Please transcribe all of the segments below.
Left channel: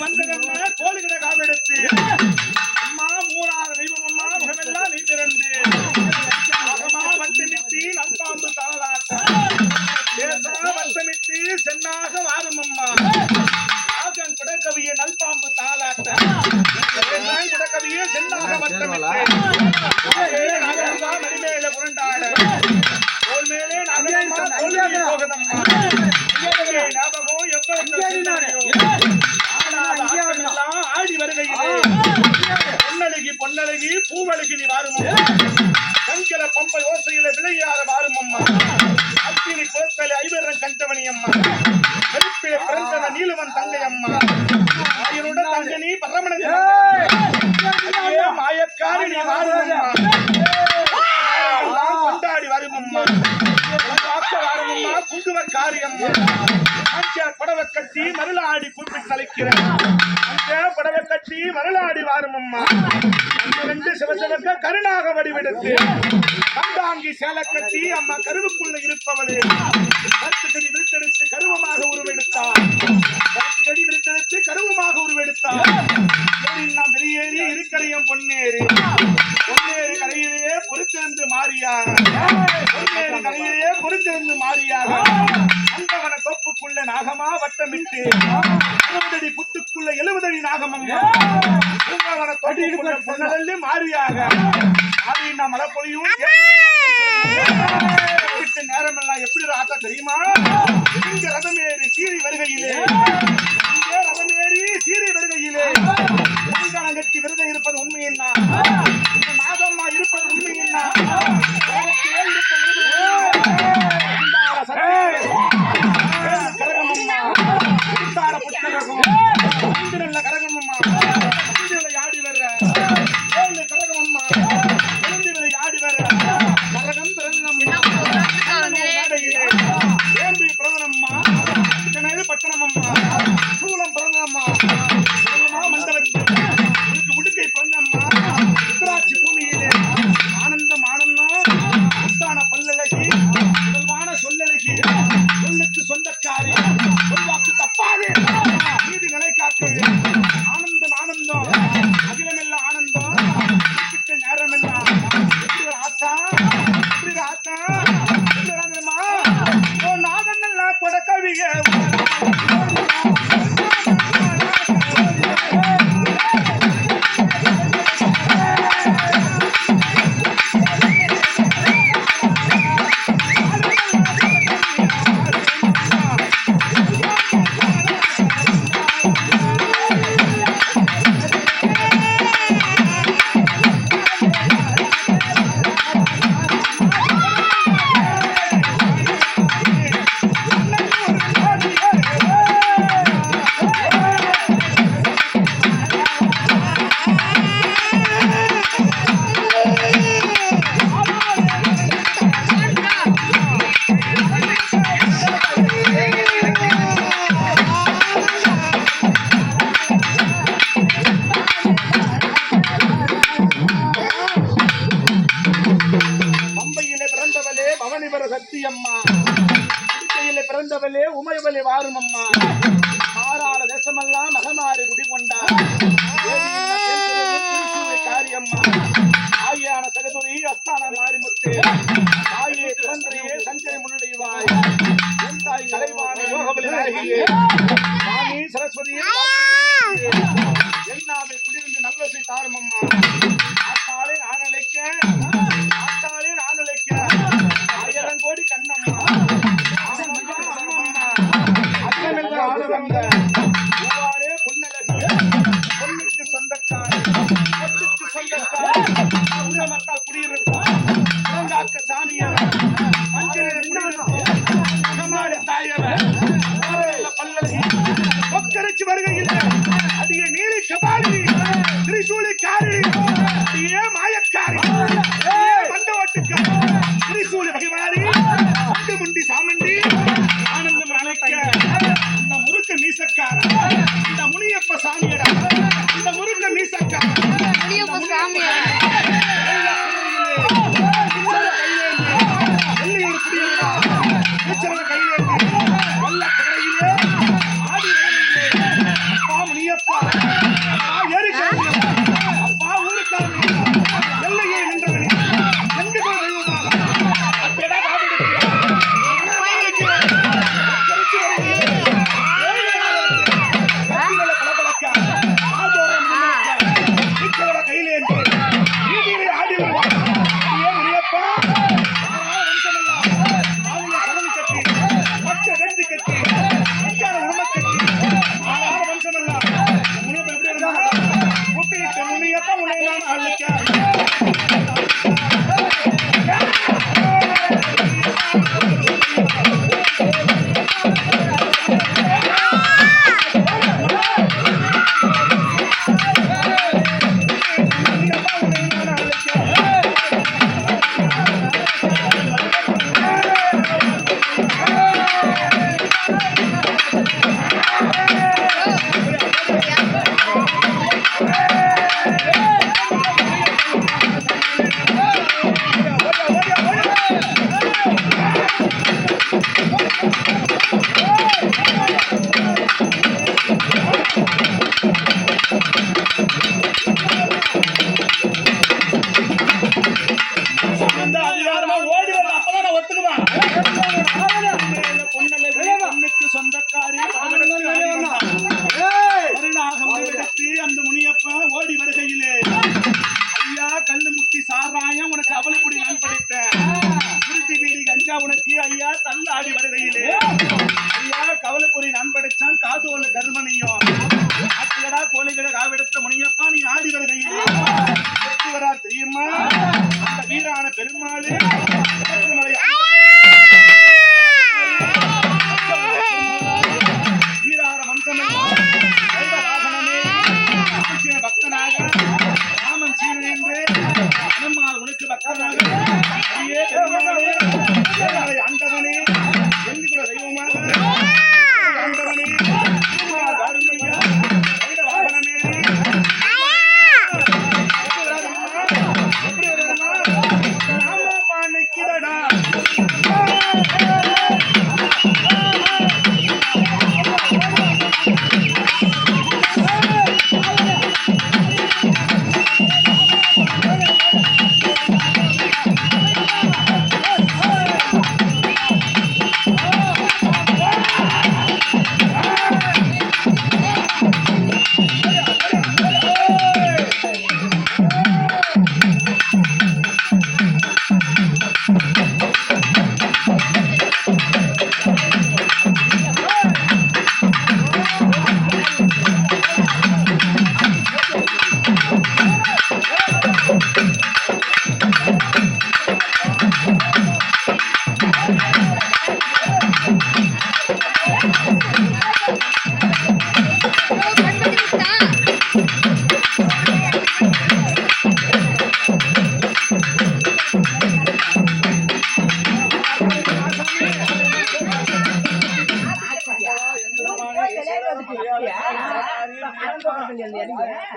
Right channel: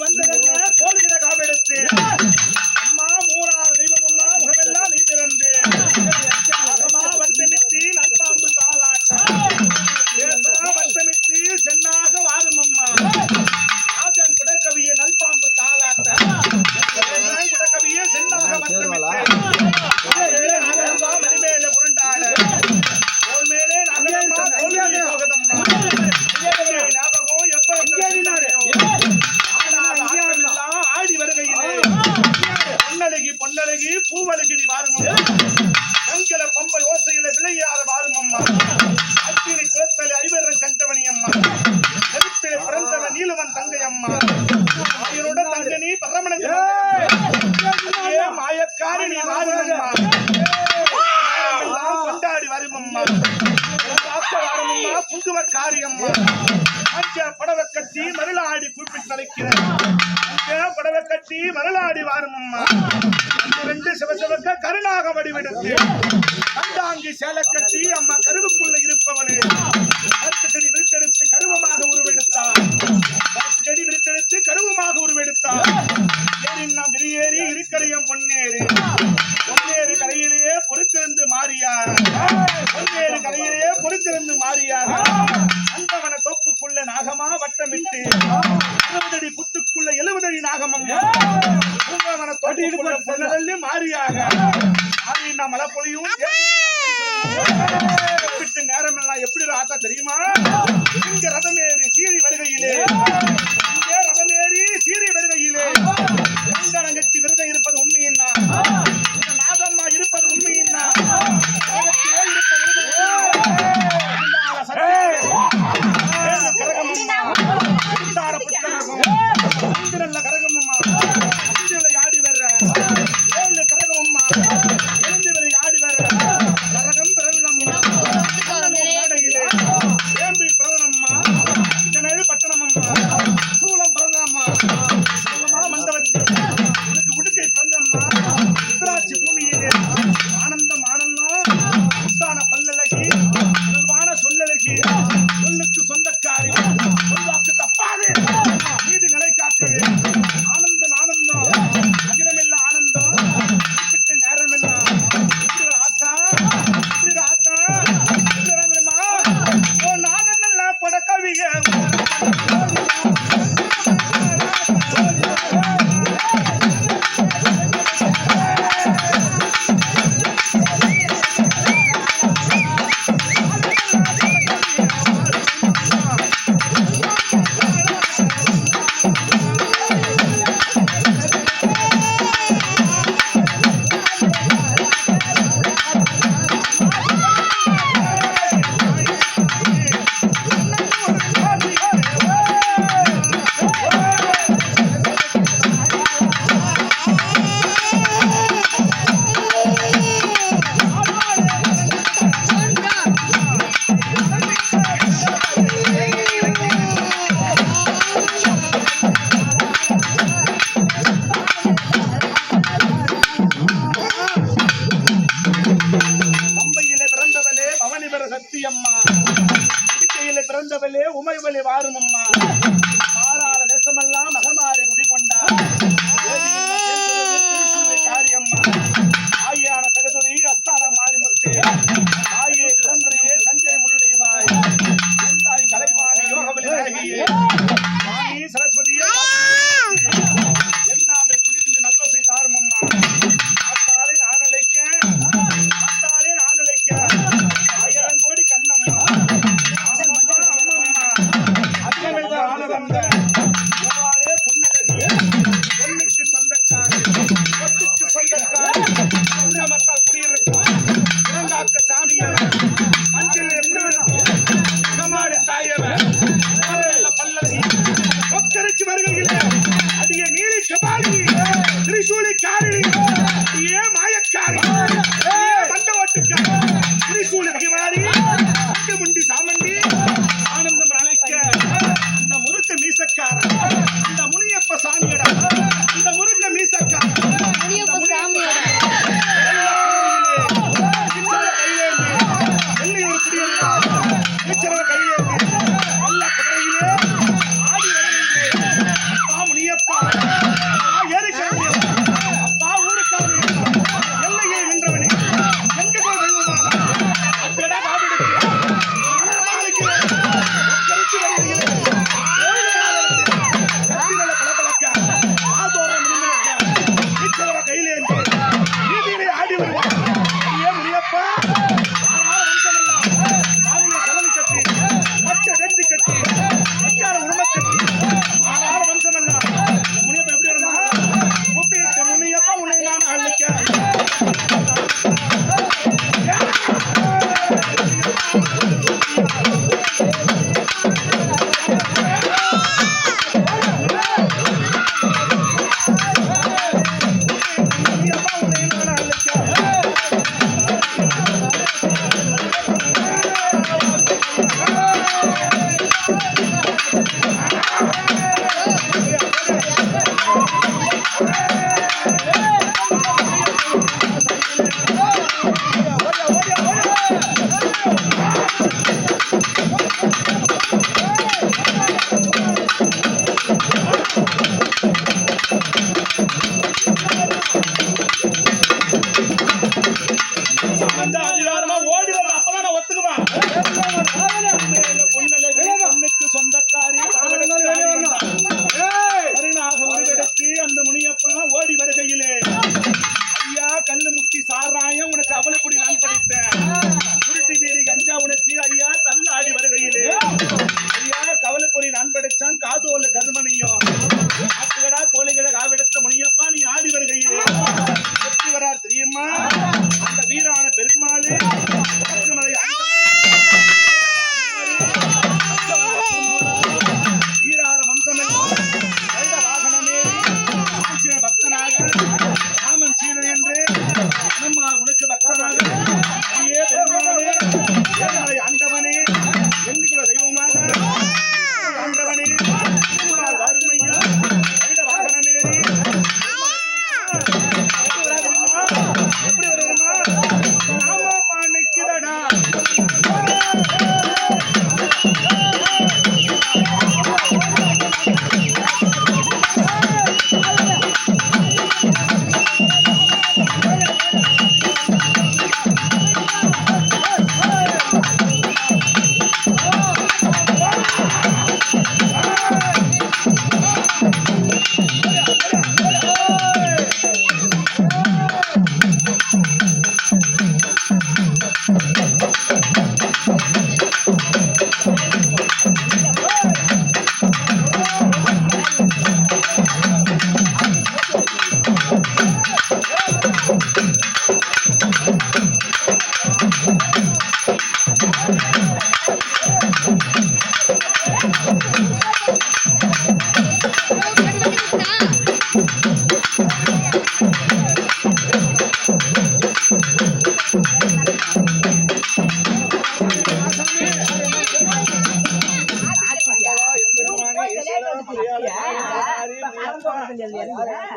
வந்தகண்ண கோழிகிட காவெடுத்து அம்மா மூணாறு தெய்வம் அம்மா முகமெல்லாம் நீ திறந்து அகமா வட்டமிட்டு நல்பாம்பு தாளாட்ட தேசமா வட்டமிட்டு சென்னாக வாரும் அம்மா ராஜன் குடக்கவிய நல்பாம்பு தாளாட்ட குடக்கவிய சென்னாக வட்டமிட்டு மணிமேல புரண்டாட தோல் மேலே நகரம்மா தோல்வி போகதம்மா ஞாபகம் ஆடி வருகையிலே பொன்னழகி பொன்னழகி பூவழகி நீ வாரும் பொங்கல பம்பை ஓசையில விளையாட வாரும் அம்மா அத்தினி குளத்தலை ஐவரன் கண்டவனி அம்மா கருப்பிலே பிறந்தவன் நீலவன் தங்கை அம்மா ஆயினுடன் தங்கனி பரமணன் மாயக்காரி நீ வாரும் அம்மா கொண்டாடி வரும் அம்மா வாரும் அம்மா குங்குவர் காரியம்மா படவை கட்டி மருளாடி குறிப்பிட்டு தலைக்கிறேன் படவை கட்டி மருளாடி வாரும் அம்மா அங்கிருந்து சிவசிவக்க கருணாக வடிவெடுத்து கண்டாங்கி சேலை கட்டி அம்மா கருவுக்குள்ள இருப்பவளே கருத்து செடி விருத்தெடுத்து கருவமாக உருவெடுத்தார் கருத்து செடி விருத்தெடுத்து கருவமாக உருவெடுத்தார் நாம் வெளியேறி இருக்கரையும் பொன்னேறி பொன்னேறி கரையிலேயே பொறுத்திருந்து மாறியார் பொன்னேறி கரையிலேயே பொறுத்திருந்து மாறியார் அந்தவன தொப்புக்குள்ள நாகமா வட்டமிட்டு 60 அடி புத்துக்குள்ள 70 அடி நாகமம் பூங்காவன தொட்டிக்குள்ள பொன்னலி மாறியாக மாறினா மழை பொழியும் விட்டு நேரமெல்லாம் எப்படி ராத்தா தெரியுமா இங்க ரதமேறி சீறி வருகையிலே இங்கே ரதமேறி சீறி வருகையிலே பூங்காலம் கட்டி விரதம் இருப்பது உண்மையின்னா இந்த நாகம்மா இருப்பது உண்மையின்னா கரகமம்மா ஆடி வர்ற கரகமம்மா ஆடி வர்ற கரகம் பிறந்தம்மா பிரவணம்மா பட்டணமம்மா சூளம் பிறந்தம்மா மண்டபத்தி உனக்கு உடுக்கை பிறந்தம்மா உத்தராட்சி பூமியிலே ஆனந்தம் ஆனந்தம் உத்தான பல்லழகி முதல்வான சொல்லழகி சொல்லுக்கு சொந்தக்காரி சொல்வாக்கு தப்பாதே நீதி நிலை காக்கவே ஆனந்தம் ஆனந்தம் அகிலமெல்லாம் ஆனந்தம் குறிப்பிட்ட நேரமெல்லாம் ஆத்தா ஆத்தா நாகன்னெல்லாம் கொடக்கவிய பிறந்தவளே உமைவளே வாரும் அம்மா மாறாள தேசமெல்லாம் மகமாறி குடிகொண்டார் காரியம்மா ஆயான சகதுரி அஸ்தான மாரிமுத்து தாயே பிறந்தரையே சஞ்சனை முன்னிலைவாய் என் தாய் கலைவாணி யோகவலியாகியே வாணி சரஸ்வதியே என்னாவை குடியிருந்து நல்லசை தாரும் அம்மா ஆத்தாலே நான் அழைக்க ஆயிரம் கோடி கண்ணம்மா பொண்ணுக்கு சொந்தக்காரி பொட்டுக்கு சொந்தக்காரி மக்கள் குடியிருப்போம் இளங்காக்க சாமியவர் மஞ்சள் தாயவர் பல்லவி கொக்கரைச்சு வருகையில் அதிக நீலி கபாலி திரிசூலி காரி அதிக மாயக்காரி மண்டவட்டுக்காரி திரிசூலி வகைவாரி முண்டி சாமண்டி ஆனந்தம் அழைக்க இந்த முறுக்கு மீசக்கார இந்த முனியப்ப சாமியடா இந்த முறுக்கு மீசக்கார முனியப்ப சாமியடா வெள்ளியூர் குடியிருக்கா கையிலே வெள்ள குதிரையிலே ஆடி வருகின்றே அப்பா முனியப்பா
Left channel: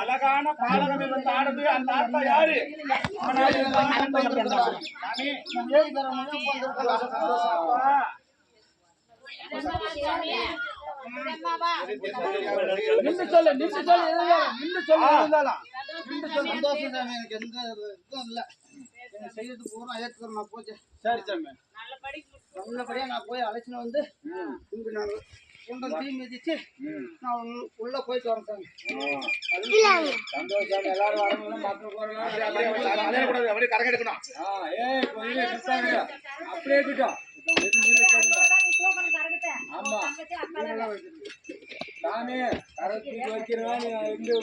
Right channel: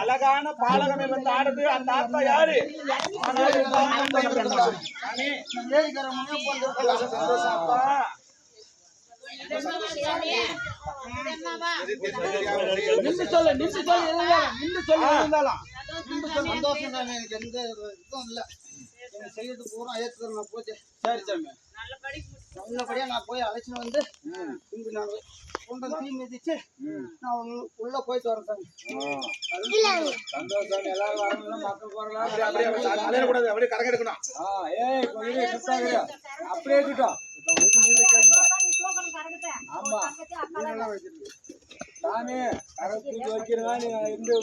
அழகான பாலகமே வந்து ஆடுது. அந்த ஆத்தா யாரு? செய்யறது பூரா ஏற்றுக்கிறோம். நான் போச்சு. சரி சாமி, நல்லபடியா நான் போய் அழைச்சின்னு வந்து இங்கு நாங்கள் கொண்டு தீ மிதிச்சு நான் உள்ள போயிட்டு வரேன் சாமி. சந்தோஷம். எல்லாரும் வரணும். மக்கள் போறலாம். அப்படியே கரங்க எடுக்கணும். அப்படியே இருக்கட்டும். ஆமா சாமி, கரத்தி வைக்கிறேன். நீ இருந்து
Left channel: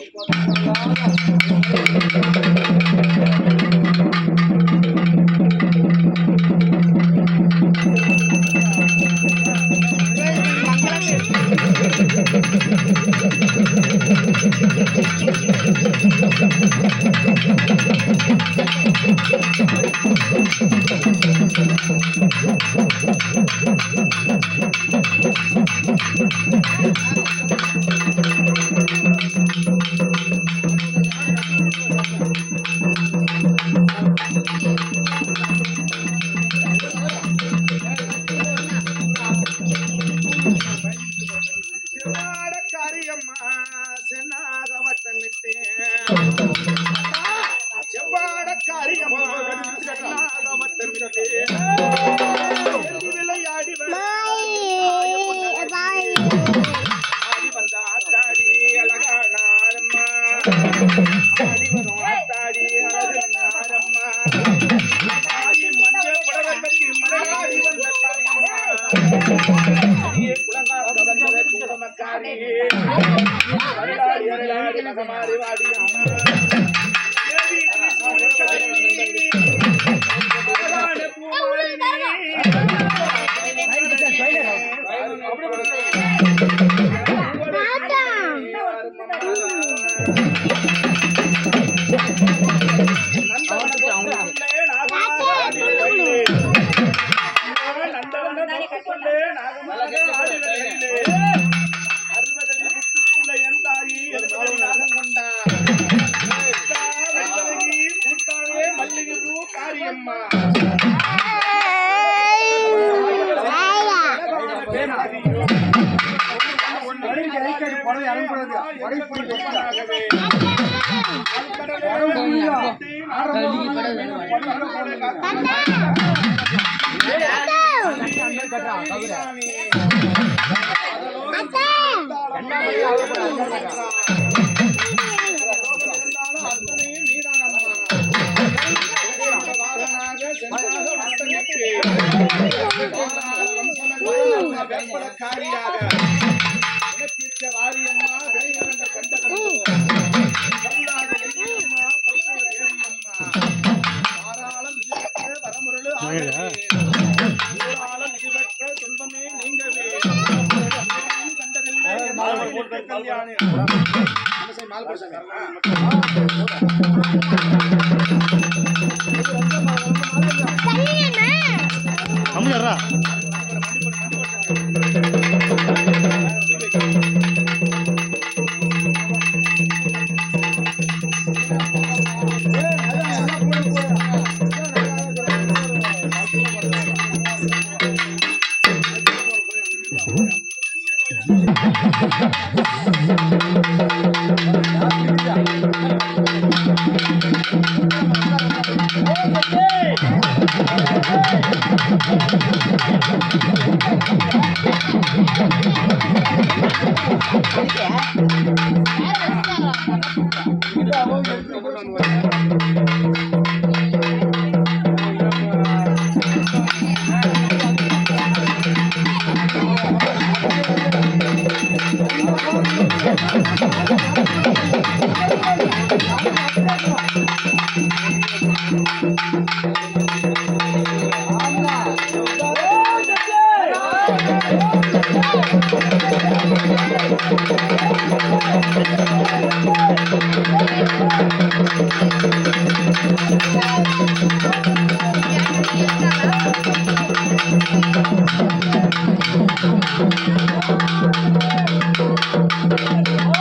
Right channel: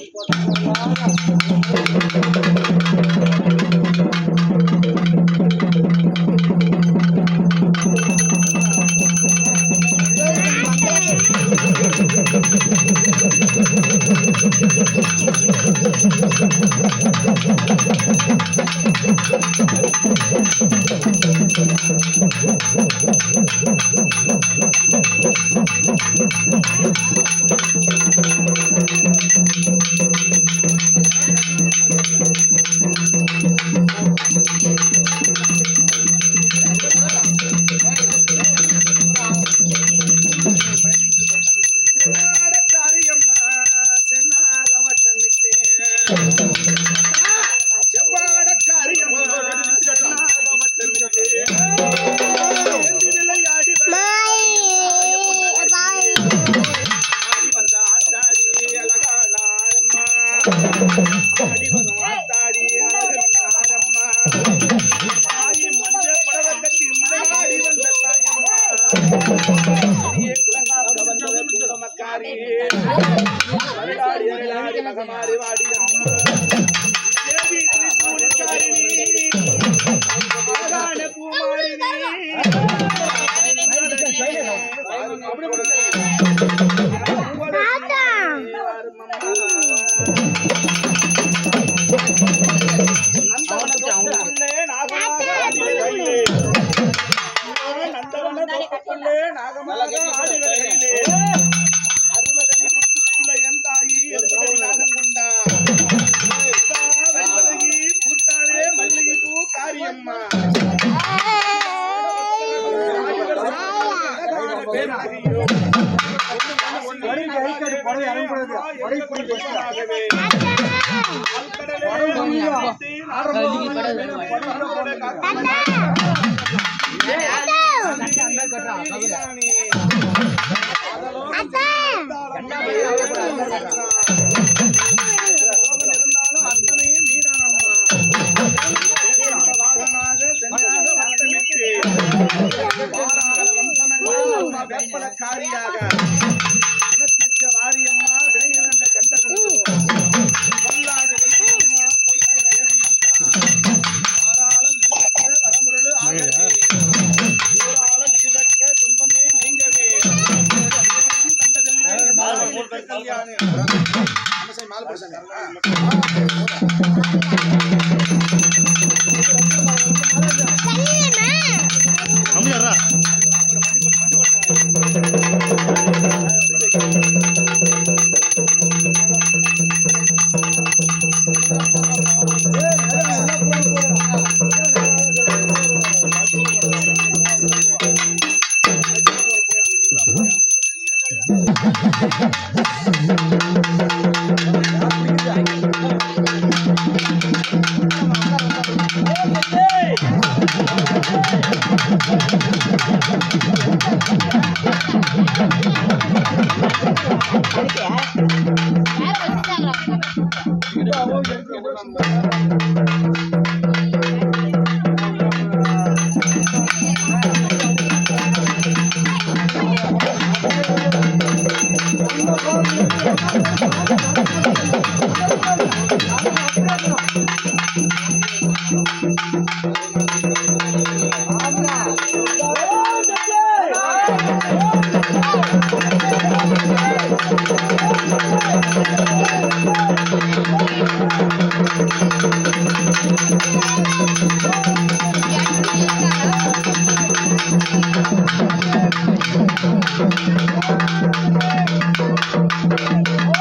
வேப்பலக்காரியாக வாரியம்மா விளையாண்ட கண்டகந்தோ பொல்லாத தேவியம்மா பொய்ய தேவியம்மா தாராளம் இதுபெற்ற வரமுருள் ஆகவே ஊராளம் இதுபெற்ற துன்பமே நீங்கவே கண்டதில்லை கல்யாணி கம்மியாரா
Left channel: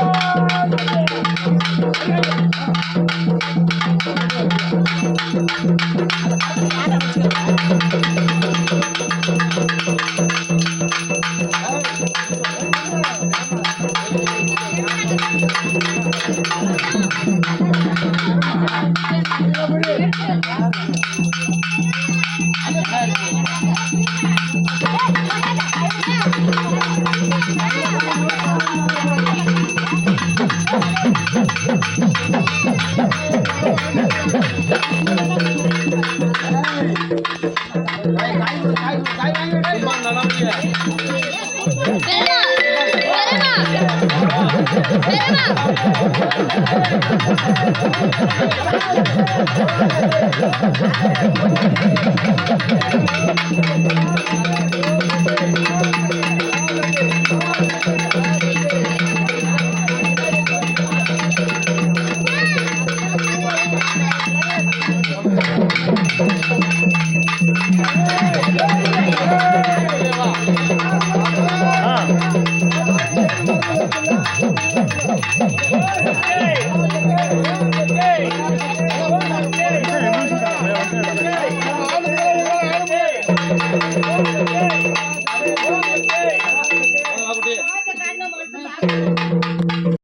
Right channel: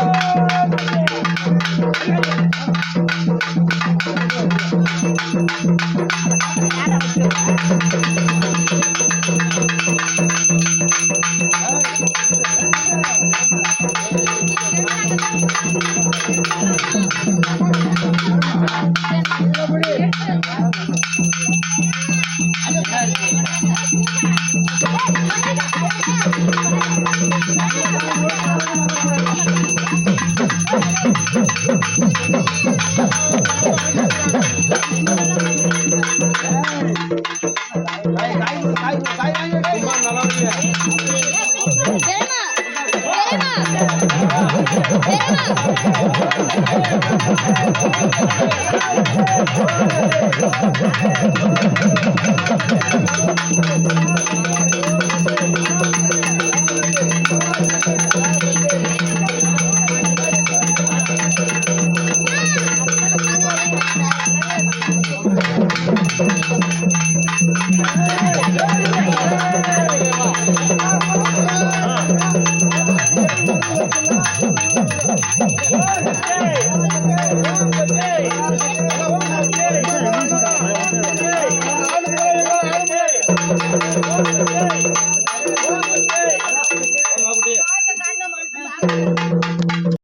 Oh,